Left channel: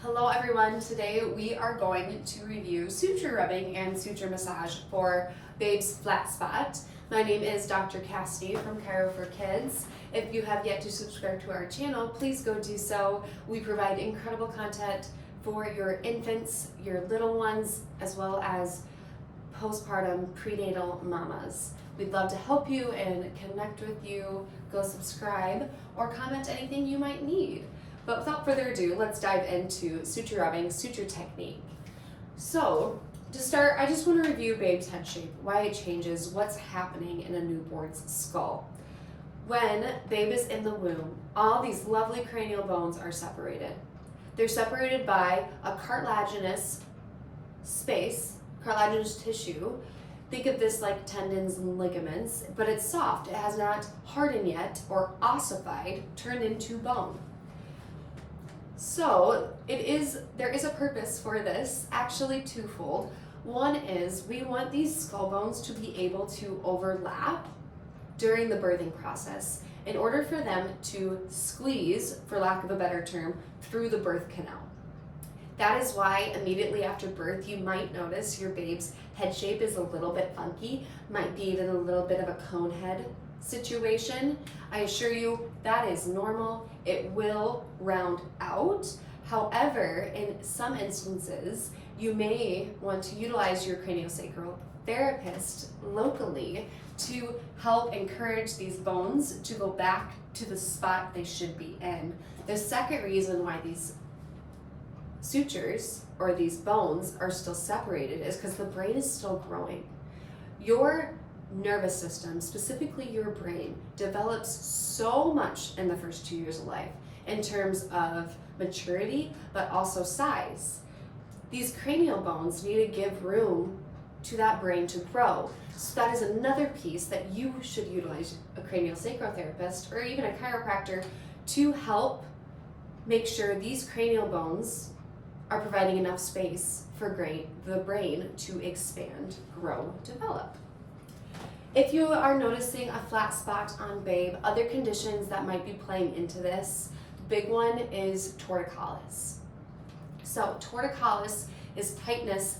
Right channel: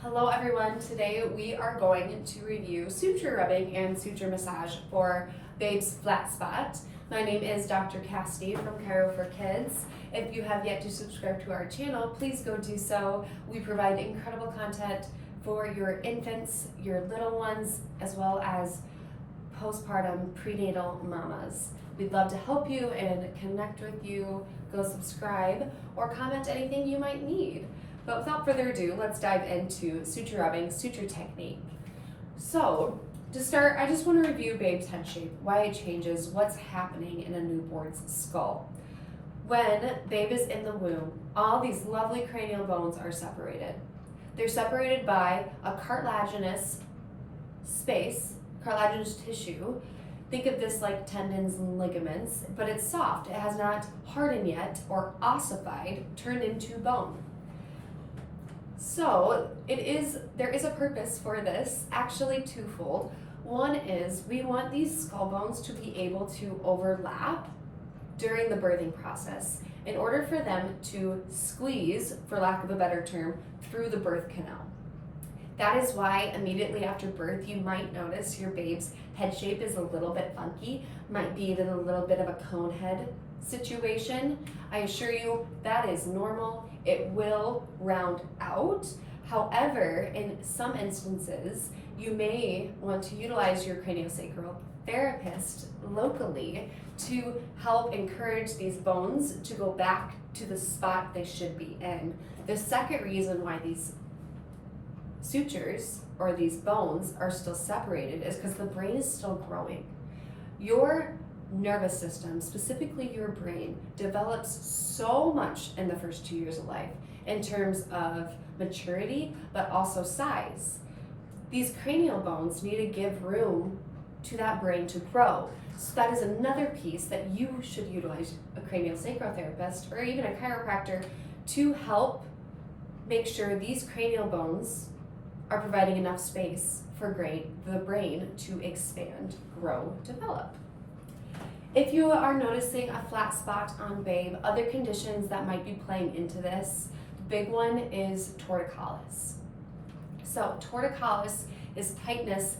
Hello everyone, today we are going to review suture rubbing and suture massage for Babe's flat spot. My name is Dr. Cassidy from CHIRO for Kids. If you have yet to subscribe to our channel, please go do so. We provide incredible content for your infants, your little ones, as well as postpartum prenatal mamas. We'd love to help you and connect with you. Go subscribe or comment anything you might need. But without further ado, let's dive into suture rubbing, suture technique. So, to start, I just want to review Babe's head shape, why it changes, what's happening in a newborn's skull. When Babe is in the womb, all these lovely cranial bones are separated. They're separated by a cartilaginous space, cartilaginous tissue. Think of this like tendons and ligaments, but it's soft. It has not hardened yet or ossified, turned into bone. So there is a purpose for this, actually twofold. One is we want these skull bones to be able to overlap during the birthing process in order for them to squeeze, for lack of a better term, through the birth canal. That is why immediately after birth you might notice your babe's head shape is a little bit funky, might be even a little bit of a cone head situation. I assure you that is normal. It will round out. However, in some instances, you may want to utilize your craniosacral therapist locally to help encourage these bones to go back to the spot they should be in. The second reason why these sutures or these bones are still separated is because the brain is still growing. Your nervous system, specifically your brain, develops so much in the first 2 years of life in terms of maturity, but also size. These cranial bones need to give room to that brain to grow. So that is another piece that you should utilize a craniosacral therapist or even a chiropractor to help make sure these cranial bones are providing enough space for the brain to expand, grow, develop. If you are noticing a flat spot on Babe, other conditions that might be playing into this, the big one is torticollis. So torticollis is tightness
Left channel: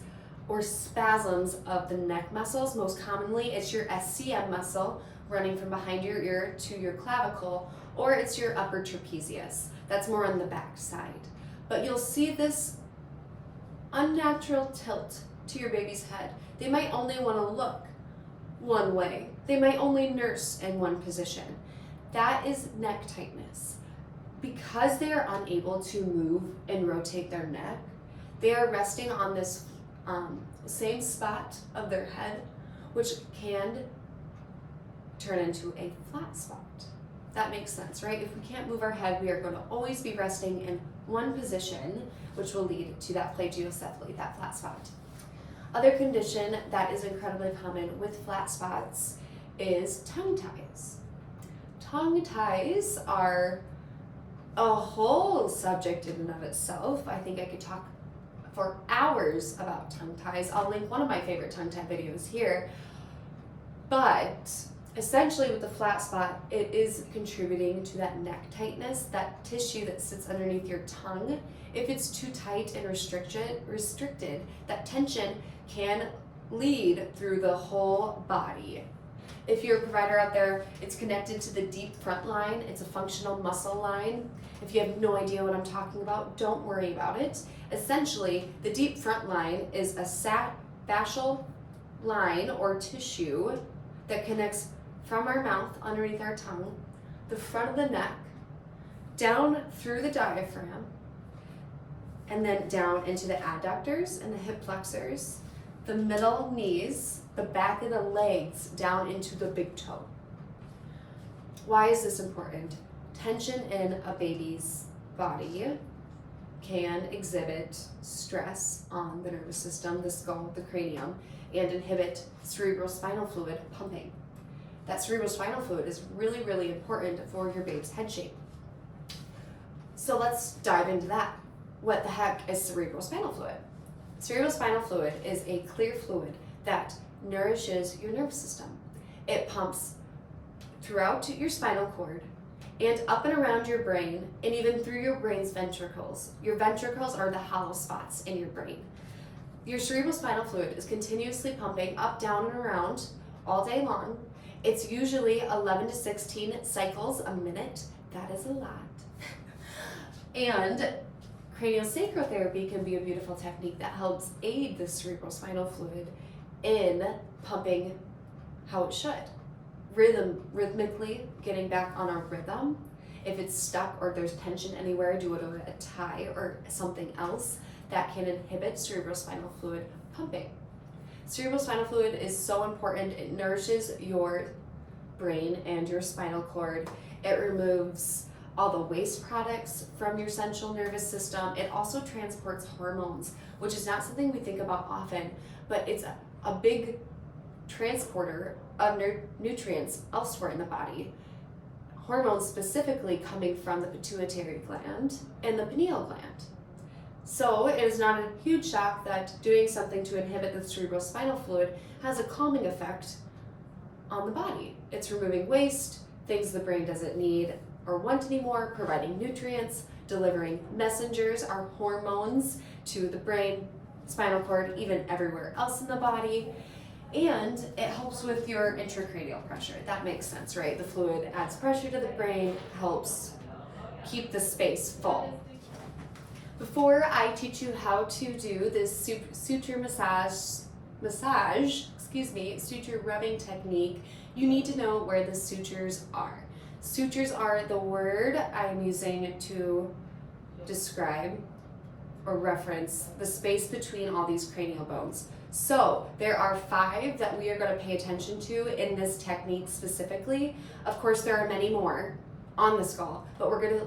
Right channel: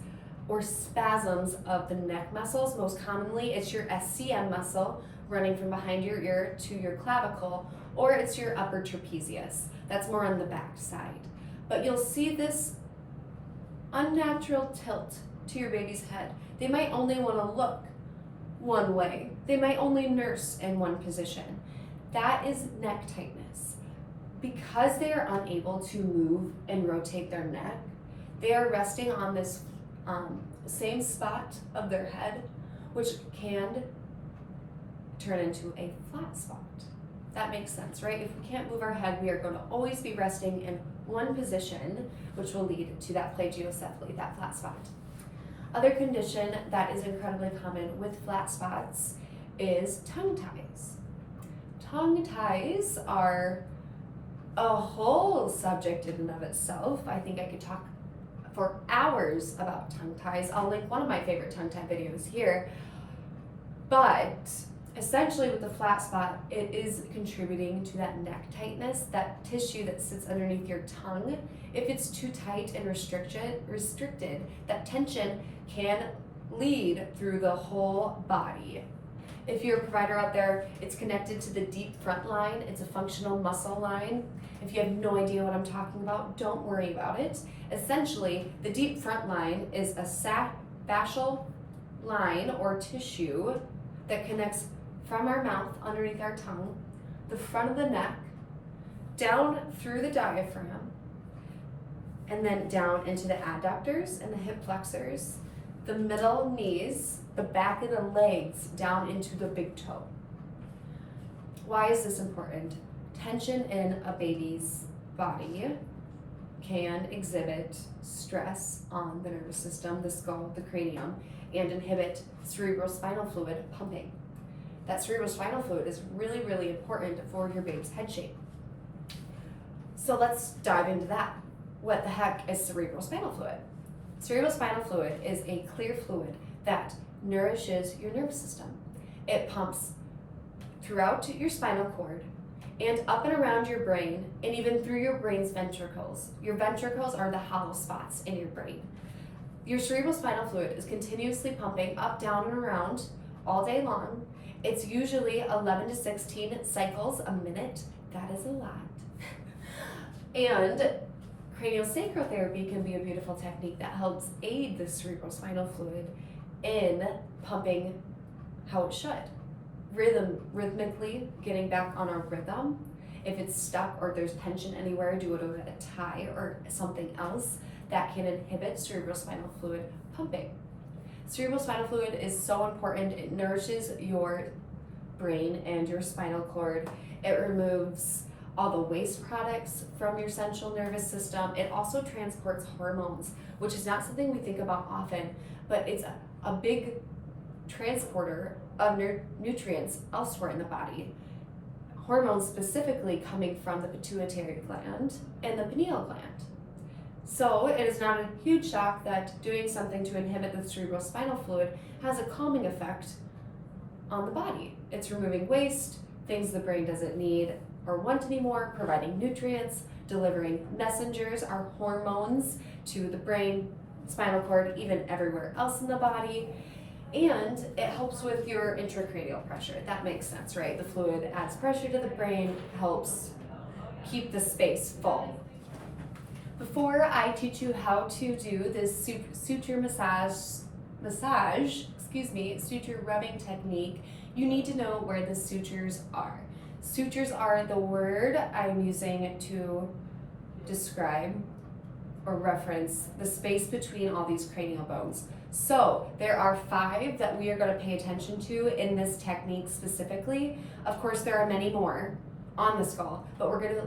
or spasms of the neck muscles. Most commonly, it's your SCM muscle running from behind your ear to your clavicle, or it's your upper trapezius. That's more on the back side. But you'll see this unnatural tilt to your baby's head. They might only want to look one way. They might only nurse in one position. That is neck tightness. Because they are unable to move and rotate their neck, they are resting on this same spot of their head, which can turn into a flat spot. That makes sense, right? If we can't move our head, we are going to always be resting in one position, which will lead to that plagiocephaly, that flat spot. Other condition that is incredibly common with flat spots is tongue ties. Tongue ties are a whole subject in and of itself. I think I could talk for hours about tongue ties. I'll link one of my favorite tongue tie videos here. But essentially with the flat spot, it is contributing to that neck tightness, that tissue that sits underneath your tongue. If it's too tight and restricted, that tension can lead through the whole body. If you're a provider out there, it's connected to the deep front line. It's a functional muscle line. If you have no idea what I'm talking about, don't worry about it. Essentially, the deep front line is a fascial line or tissue that connects from our mouth underneath our tongue, the front of the neck, down through the diaphragm, and then down into the adductors and the hip flexors, the middle knees, the back of the legs, down into the big toe. Why is this important? Tension in a baby's body can exhibit stress on the nervous system, the skull, the cranium, and inhibit cerebrospinal fluid pumping. That cerebrospinal fluid is really, really important for your babe's head shape. So let's dive into that. What the heck is cerebrospinal fluid? Cerebrospinal fluid is a clear fluid that nourishes your nervous system. It pumps throughout your spinal cord and up and around your brain, and even through your brain's ventricles. Your ventricles are the hollow spots in your brain. Your cerebrospinal fluid is continuously pumping up, down, and around all day long. It's usually 11 to 16 cycles a minute. That is a lot. And craniosacral therapy can be a beautiful technique that helps aid the cerebrospinal fluid in pumping how it should. Rhythmically getting back on a rhythm. If it's stuck or there's tension anywhere, do it with a tie or something else that can inhibit cerebrospinal fluid pumping. Cerebrospinal fluid is so important. It nourishes your brain and your spinal cord. It removes all the waste products from your central nervous system. It also transports hormones, which is not something we think about often, but it's a big transporter of nutrients elsewhere in the body. Hormones specifically coming from the pituitary gland and the pineal gland. So it is not a huge shock that doing something to inhibit the cerebrospinal fluid has a calming effect on the body. It's removing waste, things the brain doesn't need or want anymore, providing nutrients, delivering messengers, our hormones to the brain, spinal cord, even everywhere else in the body. And it helps with your intracranial pressure. That makes sense, right? The fluid adds pressure to the brain, helps keep the space full. Before I teach you how to do this suture suture rubbing technique, you need to know where the sutures are. Sutures are the word I'm using to describe or reference the space between all these cranial bones. So there are 5 that we are going to pay attention to in this technique specifically. Of course, there are many more on the skull, but we're going to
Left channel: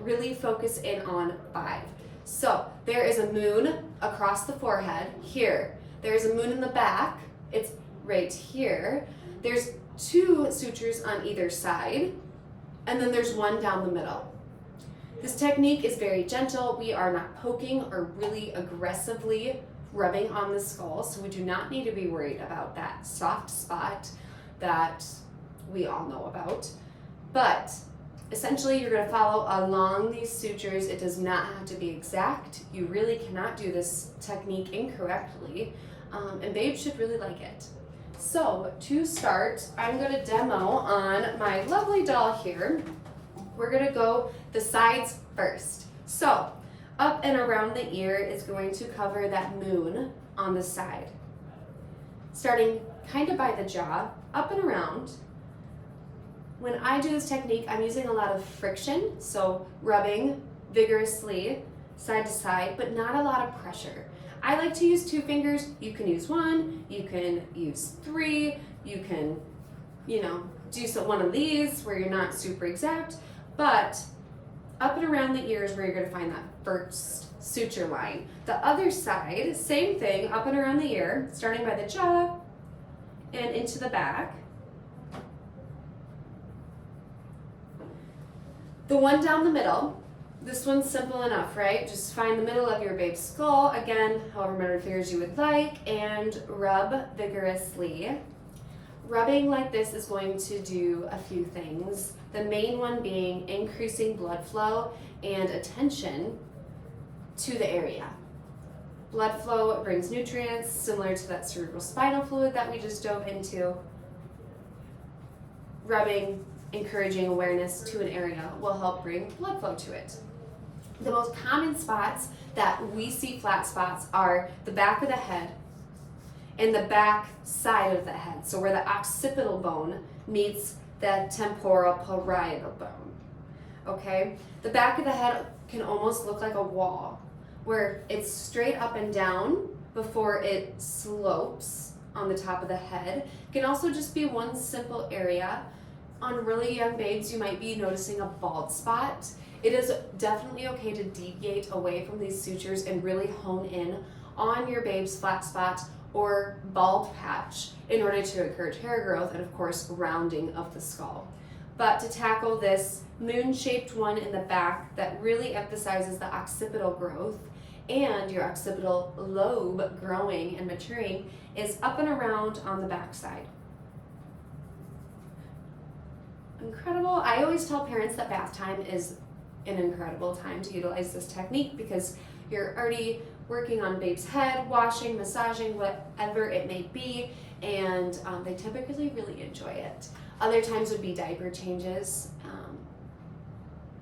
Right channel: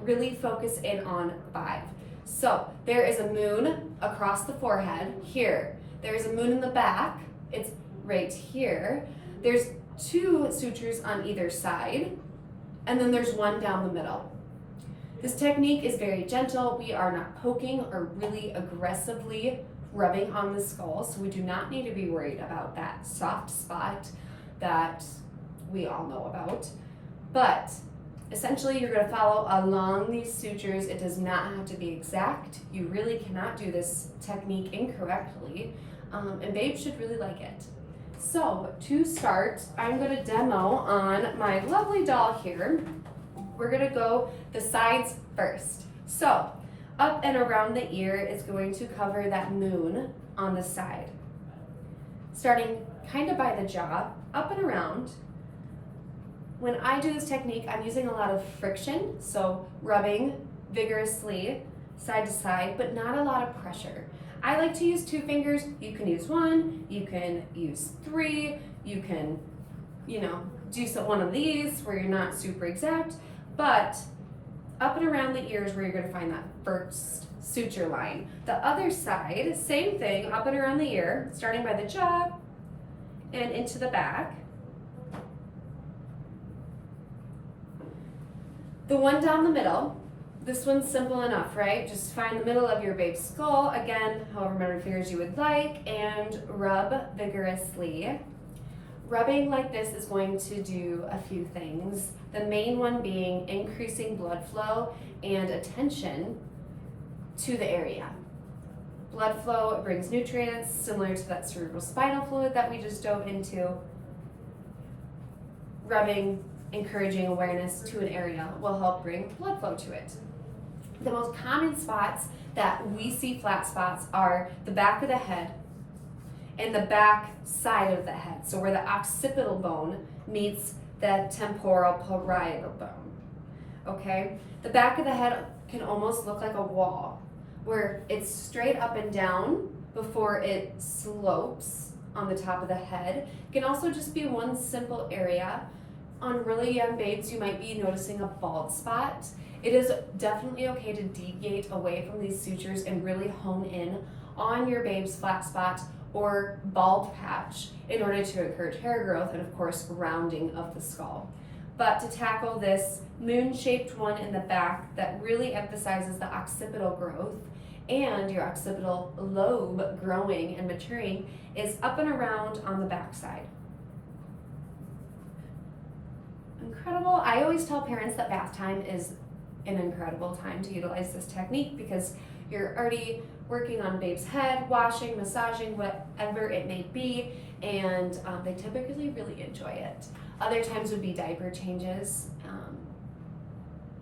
really focus in on 5. So there is a moon across the forehead here. There's a moon in the back. It's right here. There's 2 sutures on either side, and then there's 1 down the middle. This technique is very gentle. We are not poking or really aggressively rubbing on the skull, so we do not need to be worried about that soft spot that we all know about. But essentially, you're going to follow along these sutures. It does not have to be exact. You really cannot do this technique incorrectly, and babes should really like it. So to start, I'm going to demo on my lovely doll here. We're going to go the sides first. So up and around the ear is going to cover that moon on the side. Starting kind of by the jaw, up and around. When I do this technique, I'm using a lot of friction, so rubbing vigorously side to side, but not a lot of pressure. I like to use 2 fingers. You can use 1, you can use 3, you can, do one of these where you're not super exact, but up and around the ears where you're going to find that first suture line. The other side, same thing, up and around the ear, starting by the jaw and into the back. The one down the middle, this one's simple enough, right? Just find the middle of your babe's skull, again, however many fingers you would like, and rub vigorously. Rubbing like this is going to do a few things. The main one being increasing blood flow and attention to the area. Blood flow brings nutrients similar to that cerebrospinal fluid that we just dove into. Rubbing, encouraging awareness to an area will help bring blood flow to it. The most common spots that we see flat spots are the back of the head and the back side of the head. So where the occipital bone meets the temporal parietal bone, okay? The back of the head can almost look like a wall where it's straight up and down before it slopes on the top of the head. It can also just be one simple area. On really young babes, you might be noticing a bald spot. It is definitely okay to deviate away from these sutures and really hone in on your babe's flat spot or bald patch in order to encourage hair growth and of course rounding of the skull. But to tackle this moon-shaped one in the back that really emphasizes the occipital growth and your occipital lobe growing and maturing is up and around on the back side. incredible. I always tell parents that bath time is an incredible time to utilize this technique because you're already working on babe's head, washing, massaging, whatever it may be, and they typically really enjoy it. Other times would be diaper changes.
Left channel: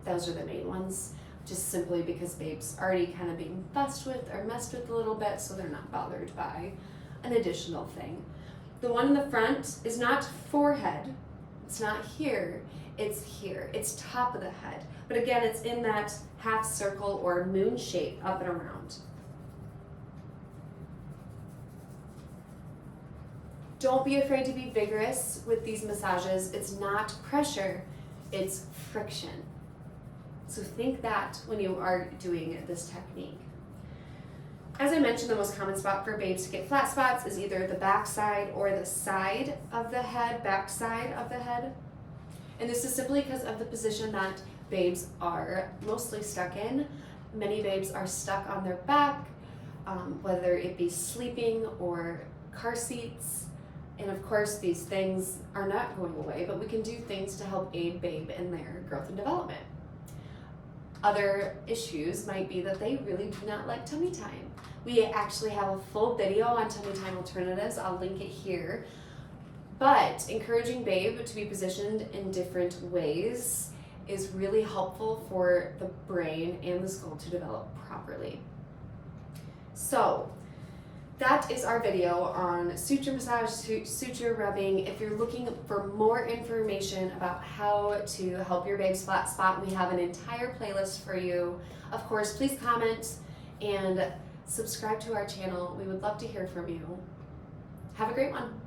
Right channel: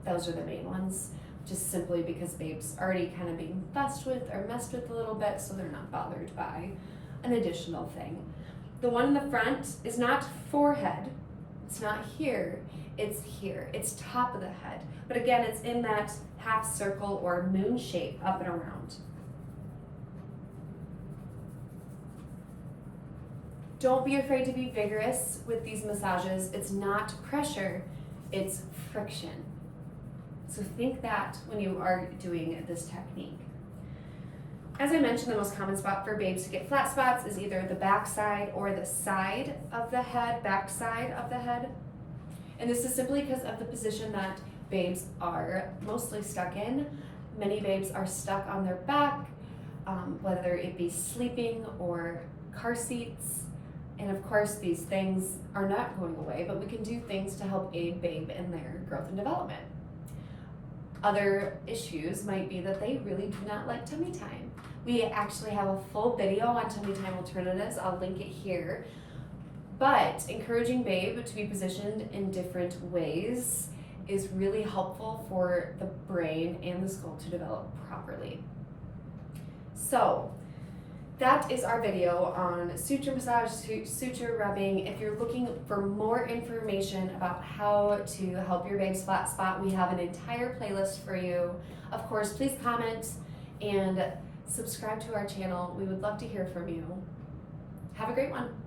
Those are the main ones, just simply because babe's already kind of being fussed with or messed with a little bit, so they're not bothered by an additional thing. The one in the front is not forehead, it's not here, it's here, it's top of the head. But again, it's in that half circle or moon shape up and around. Don't be afraid to be vigorous with these massages. It's not pressure, it's friction. So think that when you are doing this technique. As I mentioned, the most common spot for babes to get flat spots is either the back side or the side of the head, back side of the head. And this is simply because of the position that babes are mostly stuck in. Many babes are stuck on their back, whether it be sleeping or car seats. And of course, these things are not going away, but we can do things to help aid babe in their growth and development. Other issues might be that they really do not like tummy time. We actually have a full video on tummy time alternatives. I'll link it here. But encouraging babe to be positioned in different ways is really helpful for the brain and the skull to develop properly. So that is our video on suture massage, suture rubbing. If you're looking for more information about how to help your babe's flat spot, we have an entire playlist for you. Of course, please comment and subscribe to our channel. We would love to hear from you. Have a great one.